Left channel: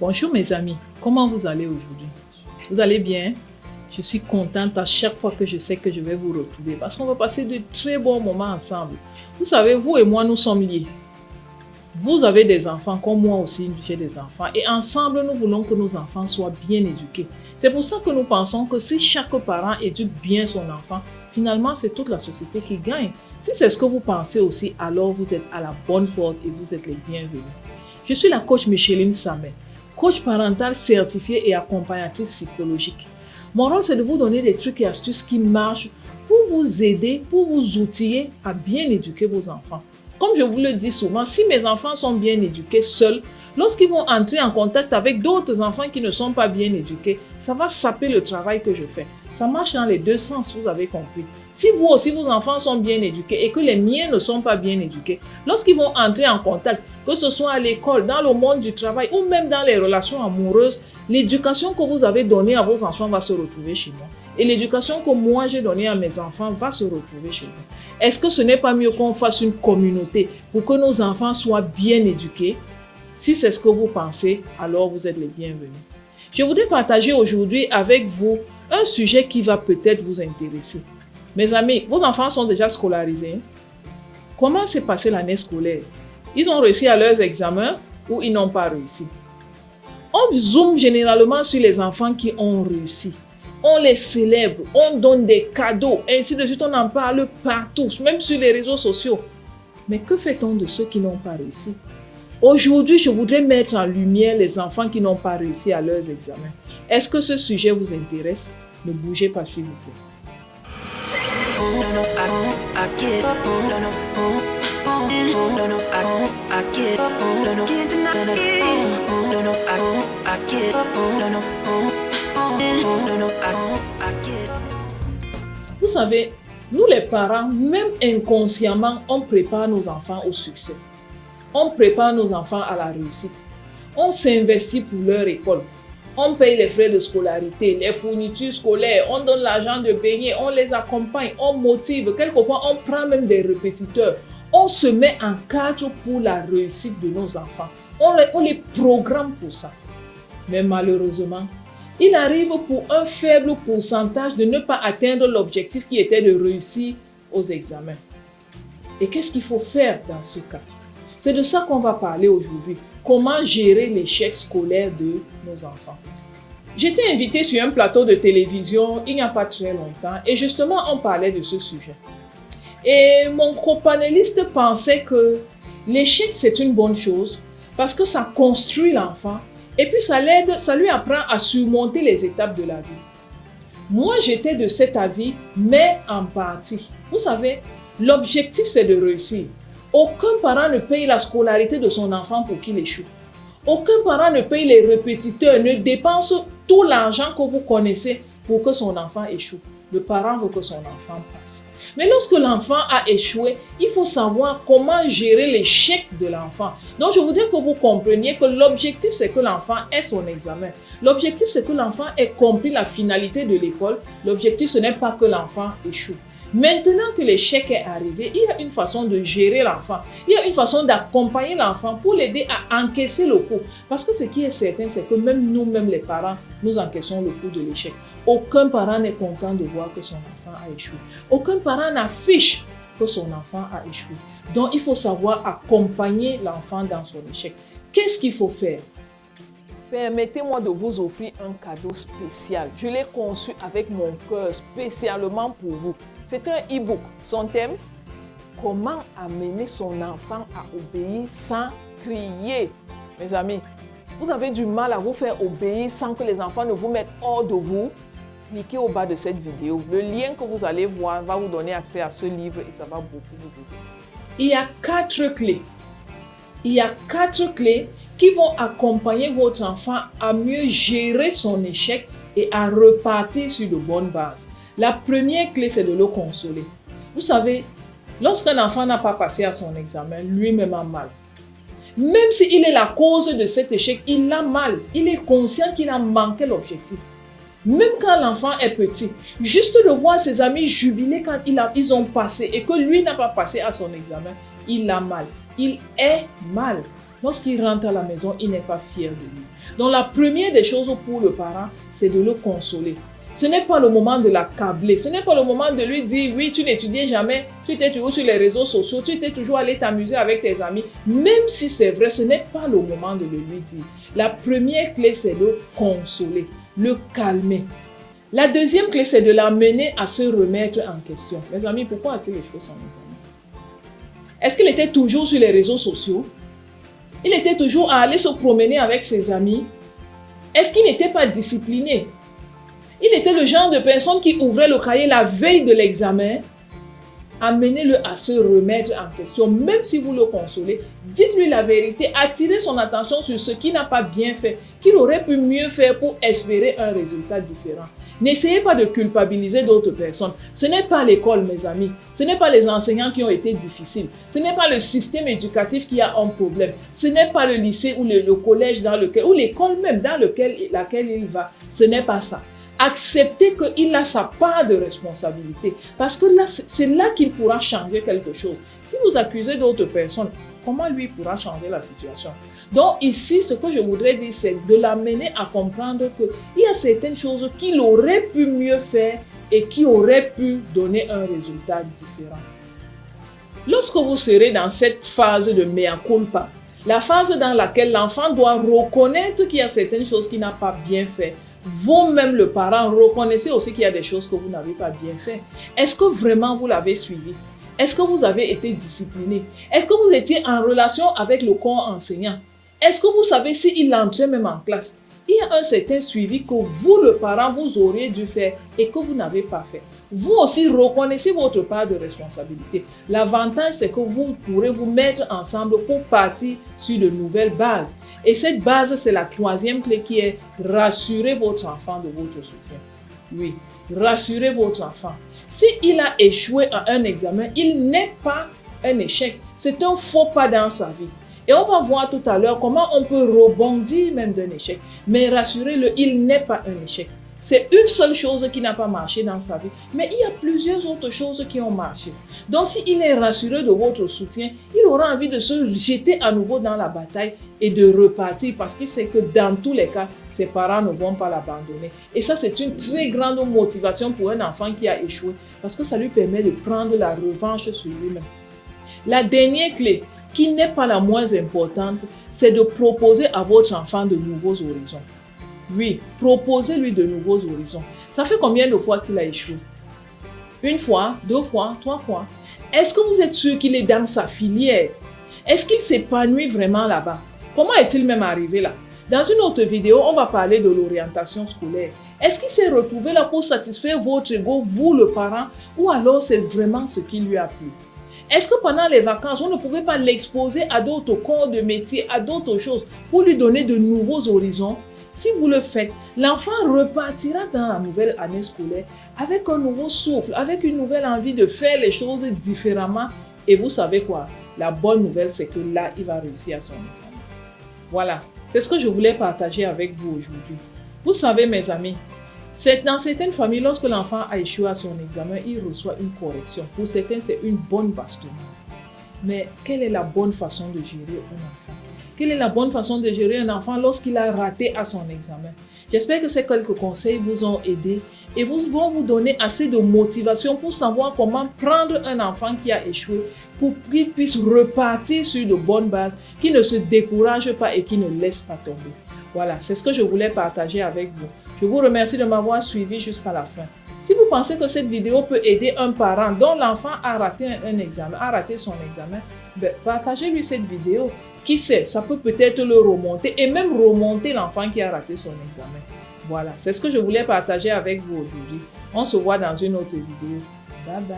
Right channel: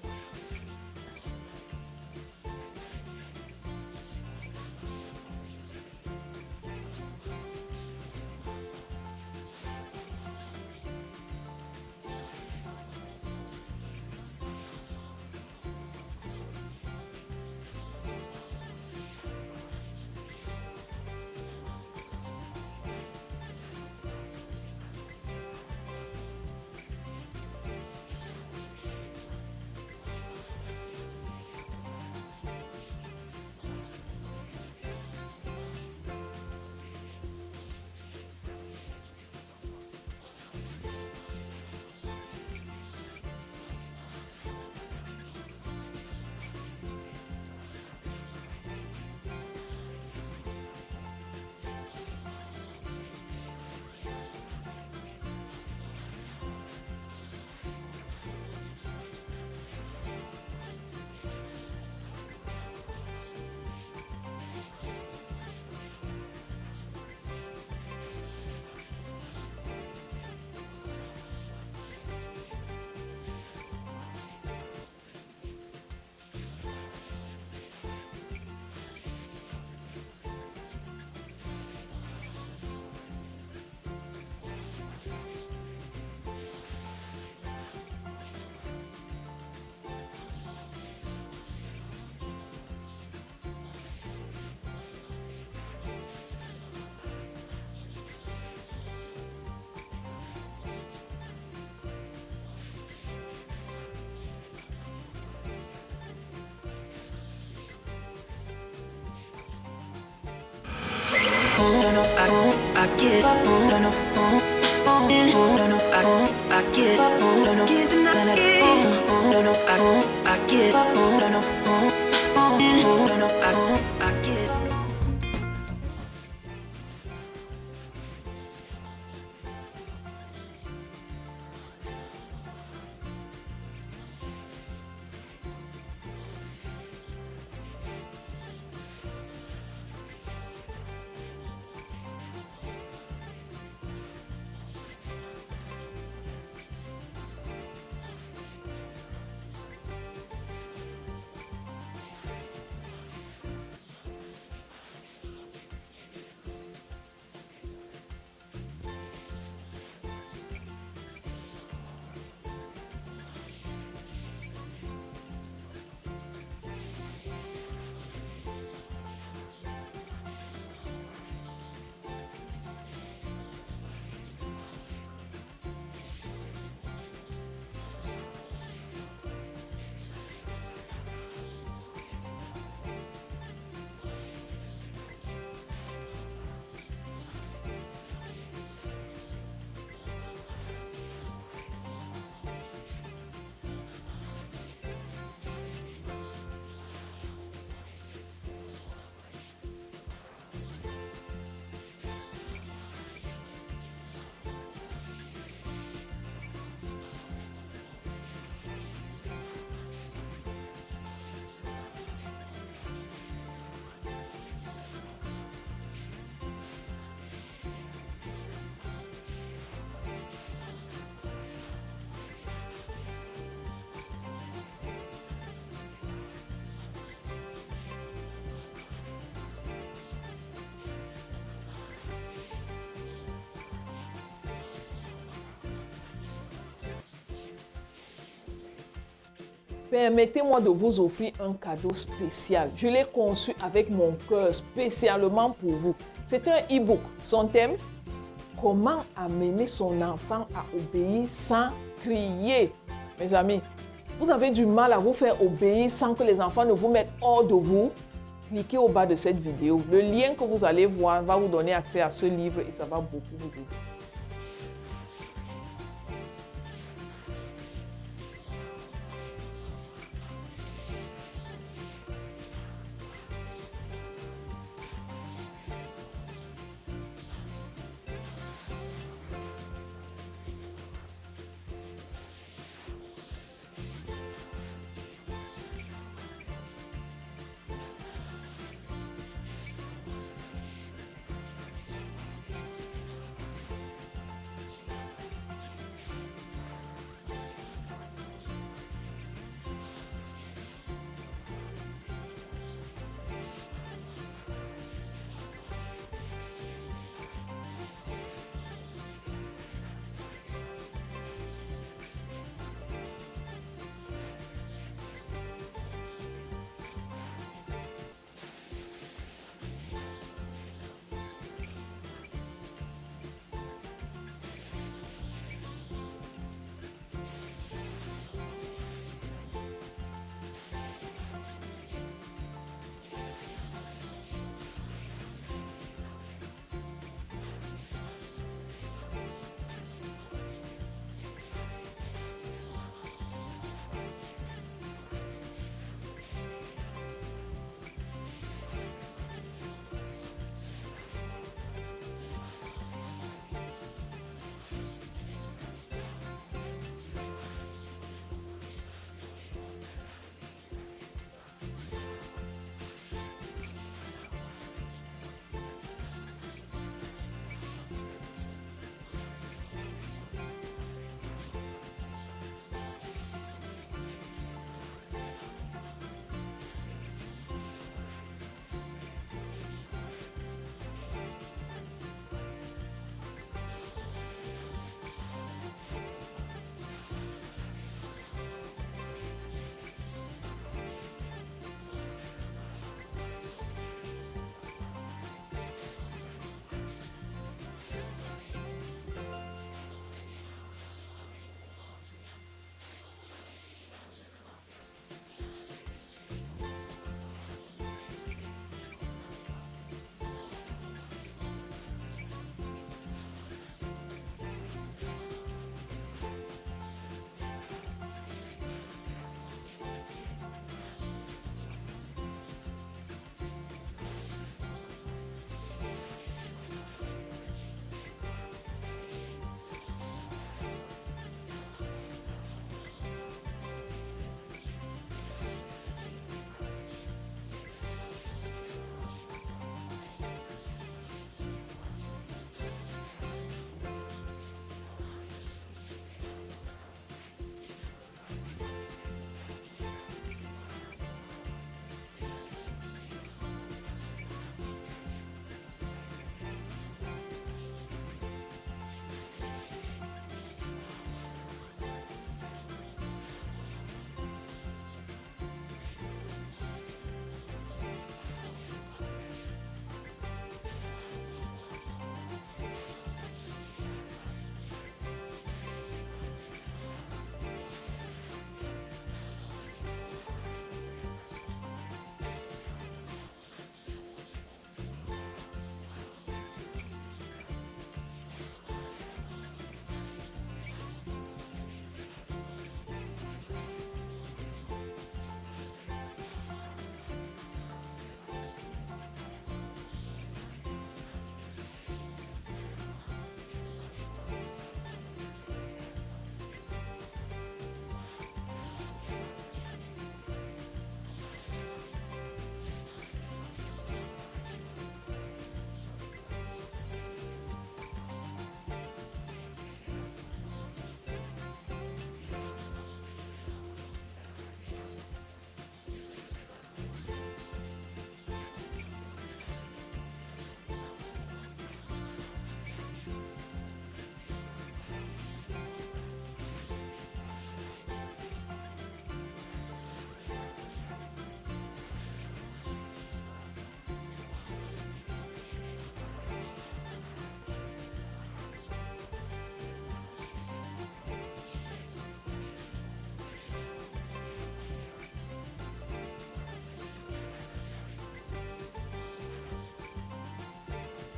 Bonjour mes amis, comment vous allez aujourd'hui? Vous allez bien? Je suis contente à chaque fois que je sais que je vais vous retrouver parce qu'on va passer de très bons moments ensemble. Vous savez, vous et moi, nous sommes liés. Vous avez des enfants, comme moi aussi, j'ai des enfants. Et ensemble, nous voulons que nos enfants soient bien éduqués. C'est pour ça que nous pensons que si chaque parent éduque bien son enfant, finalement, c'est toute la société qui gagne. Si c'est ce que vous pensez aussi, alors vous êtes à la bonne porte et vous êtes les bienvenus. Je suis la coach Micheline Samet, coach parental certifiée et accompagnatrice psychologique. Mon rôle, c'est de vous donner des trucs et astuces qui marchent pour vous aider, pour vous outiller à bien éduquer vos enfants. Comme je vous le dis souvent, si mes enfants sont bien éduqués seuls, lorsqu'ils vont entrer en contact avec d'autres enfants qui ne sont pas bien éduqués, ça va saper le travail que je fais. Ça marche dans les deux sens, vous avez compris. Si vous aussi, vos enfants sont bien éduqués et que les miens ne sont pas bien éduqués, lorsqu'ils vont entrer en contact, que ce soit à l'école, dans le monde du travail ou même dans les relations amoureuses, l'éducation que vous avez donnée à vos enfants va se retrouver chez moi. Et l'éducation que moi j'ai donnée à mes enfants va se retrouver chez moi. Est-ce que ce n'est pas mieux qu'on fasse une communauté pour que nos enfants soient bien éduqués? Si c'est ce que vous pensez, alors vous êtes les bienvenus. Je voudrais partager aujourd'hui avec vous un sujet qui va peut-être vous intéresser. Mes amis, vos enfants sont déjà scolarisés. Comment s'est passée l'année scolaire? Ils ont réussi à leurs examens ou ils n'ont pas réussi? On zoome généralement sur les enfants qui ont réussi. On les célèbre, on donne des cadeaux, ainsi de suite, on en parle partout, même sur les réseaux sociaux. Mais que fait-on de ceux qui n'ont pas réussi? Aujourd'hui, je voudrais mettre en lumière les enfants qui n'ont pas réussi à leurs examens. Est-ce que ce sujet vous intéresse? Ne bougez pas s'il vous plaît. Vous savez, nous les parents, même inconsciemment, on prépare nos enfants au succès. On prépare nos enfants à la réussite. On s'investit pour leur école. On paye les frais de scolarité, les fournitures scolaires, on donne l'argent de baigner, on les accompagne, on motive. Quelquefois, on prend même des répétiteurs. On se met en cadre pour la réussite de nos enfants. On les programme pour ça. Mais malheureusement, il arrive pour un faible pourcentage de ne pas atteindre l'objectif qui était de réussir aux examens. Et qu'est-ce qu'il faut faire dans ce cas? C'est de ça qu'on va parler aujourd'hui. Comment gérer l'échec scolaire de nos enfants. J'étais invitée sur un plateau de télévision il n'y a pas très longtemps et justement on parlait de ce sujet. Et mon copanéliste pensait que l'échec c'est une bonne chose parce que ça construit l'enfant et puis ça l'aide, ça lui apprend à surmonter les étapes de la vie. Moi j'étais de cet avis, mais en partie. Vous savez, l'objectif c'est de réussir. Aucun parent ne paye la scolarité de son enfant pour qu'il échoue. Aucun parent ne paye les répétiteurs, ne dépense tout l'argent que vous connaissez pour que son enfant échoue. Le parent veut que son enfant passe. Mais lorsque l'enfant a échoué, il faut savoir comment gérer l'échec de l'enfant. Donc je voudrais que vous compreniez que l'objectif c'est que l'enfant ait son examen. L'objectif c'est que l'enfant ait compris la finalité de l'école. L'objectif ce n'est pas que l'enfant échoue. Maintenant que l'échec est arrivé, il y a une façon de gérer l'enfant. Il y a une façon d'accompagner l'enfant pour l'aider à encaisser le coup. Parce que ce qui est certain, c'est que même nous-mêmes les parents, nous encaissons le coup de l'échec. Aucun parent n'est content de voir que son enfant a échoué. Aucun parent n'affiche que son enfant a échoué. Donc il faut savoir accompagner l'enfant dans son échec. Qu'est-ce qu'il faut faire? Permettez-moi de vous offrir un cadeau spécial. Je l'ai conçu avec mon cœur spécialement pour vous. C'est un e-book. Son thème, comment amener son enfant à obéir sans crier. Mes amis, vous avez du mal à vous faire obéir sans que les enfants ne vous mettent hors de vous. Cliquez au bas de cette vidéo. Le lien que vous allez voir va vous donner accès à ce livre et ça va beaucoup vous aider. Il y a 4 clés. Il y a 4 clés qui vont accompagner votre enfant à mieux gérer son échec et à repartir sur de bonnes bases. La première clé, c'est de le consoler. Vous savez, lorsqu'un enfant n'a pas passé à son examen, lui-même a mal. Même s'il est la cause de cet échec, il a mal. Il est conscient qu'il a manqué l'objectif. Même quand l'enfant est petit, juste de voir ses amis jubiler quand ils ont passé et que lui n'a pas passé à son examen, il a mal. Il est mal. Lorsqu'il rentre à la maison, il n'est pas fier de lui. Donc la première des choses pour le parent, c'est de le consoler. Ce n'est pas le moment de l'accabler. Ce n'est pas le moment de lui dire, oui, tu n'étudiais jamais, tu étais toujours sur les réseaux sociaux, tu étais toujours allé t'amuser avec tes amis. Même si c'est vrai, ce n'est pas le moment de le lui dire. La première clé, c'est de consoler, le calmer. La deuxième clé, c'est de l'amener à se remettre en question. Mes amis, pourquoi a-t-il échoué son examen? Est-ce qu'il était toujours sur les réseaux sociaux? Il était toujours à aller se promener avec ses amis? Est-ce qu'il n'était pas discipliné? Il était le genre de personne qui ouvrait le cahier la veille de l'examen. Amenez-le à se remettre en question, même si vous le consolez. Dites-lui la vérité, attirez son attention sur ce qu'il n'a pas bien fait, qu'il aurait pu mieux faire pour espérer un résultat différent. N'essayez pas de culpabiliser d'autres personnes. Ce n'est pas l'école, mes amis. Ce n'est pas les enseignants qui ont été difficiles. Ce n'est pas le système éducatif qui a un problème. Ce n'est pas le lycée ou le collège dans lequel, ou l'école même dans laquelle il va. Ce n'est pas ça. Acceptez qu'il a sa part de responsabilité. Parce que là, c'est là qu'il pourra changer quelque chose. Si vous accusez d'autres personnes, comment lui pourra changer la situation? Donc ici, ce que je voudrais dire, c'est de l'amener à comprendre qu'il y a certaines choses qu'il aurait pu mieux faire et qui auraient pu donner un résultat différent. Lorsque vous serez dans cette phase de mea culpa, la phase dans laquelle l'enfant doit reconnaître qu'il y a certaines choses qu'il n'a pas bien fait, vous-même, le parent, reconnaissez aussi qu'il y a des choses que vous n'avez pas bien fait. Est-ce que vraiment vous l'avez suivi? Est-ce que vous avez été discipliné? Est-ce que vous étiez en relation avec le corps enseignant? Est-ce que vous savez s'il entrait même en classe? Il y a un certain suivi que vous, le parent, vous auriez dû faire et que vous n'avez pas fait. Vous aussi, reconnaissez votre part de responsabilité. L'avantage, c'est que vous pourrez vous mettre ensemble pour partir sur de nouvelles bases. Et cette base, c'est la troisième clé qui est rassurer votre enfant de votre soutien. Oui, rassurez votre enfant. S'il a échoué à un examen, il n'est pas un échec. C'est un faux pas dans sa vie. Et on va voir tout à l'heure comment on peut rebondir même d'un échec. Mais rassurez-le, il n'est pas un échec. C'est une seule chose qui n'a pas marché dans sa vie. Mais il y a plusieurs autres choses qui ont marché. Donc s'il est rassuré de votre soutien, il aura envie de se jeter à nouveau dans la bataille et de repartir parce qu'il sait que dans tous les cas, ses parents ne vont pas l'abandonner. Et ça, c'est une très grande motivation pour un enfant qui a échoué parce que ça lui permet de prendre la revanche sur lui-même. La dernière clé, qui n'est pas la moins importante, c'est de proposer à votre enfant de nouveaux horizons. Oui, proposez-lui de nouveaux horizons. Ça fait combien de fois qu'il a échoué? Une fois, deux fois, trois fois? Est-ce que vous êtes sûr qu'il est dans sa filière? Est-ce qu'il s'épanouit vraiment là-bas? Comment est-il même arrivé là? Dans une autre vidéo, on va parler de l'orientation scolaire. Est-ce qu'il s'est retrouvé là pour satisfaire votre ego, vous le parent, ou alors c'est vraiment ce qui lui a plu? Est-ce que pendant les vacances, on ne pouvait pas l'exposer à d'autres corps de métier, à d'autres choses, pour lui donner de nouveaux horizons? Si vous le faites, l'enfant repartira dans la nouvelle année scolaire avec un nouveau souffle, avec une nouvelle envie de faire les choses différemment. Et vous savez quoi? La bonne nouvelle, c'est que là, il va réussir à son examen. Voilà, c'est ce que je voulais partager avec vous aujourd'hui. Vous savez, mes amis, dans certaines familles, lorsque l'enfant a échoué à son examen, il reçoit une correction. Pour certains, c'est une bonne bastonade. Mais quelle est la bonne façon de gérer un enfant? Quelle est la bonne façon de gérer un enfant lorsqu'il a raté à son examen? J'espère que ces quelques conseils vous ont aidé et vont vous donner assez de motivation pour savoir comment prendre un enfant qui a échoué pour qu'il puisse repartir sur de bonnes bases, qu'il ne se décourage pas et qu'il ne laisse pas tomber. Voilà, c'est ce que je voulais partager avec vous. Je vous remercie de m'avoir suivi jusqu'à la fin. Si vous pensez que cette vidéo peut aider un parent dont l'enfant a raté un examen, a raté son examen, partagez-lui cette vidéo. Qui sait, ça peut peut-être le remonter et même remonter l'enfant qui a raté son examen. Voilà, c'est ce que je voulais partager avec vous aujourd'hui. On se voit dans une autre vidéo. Bye bye.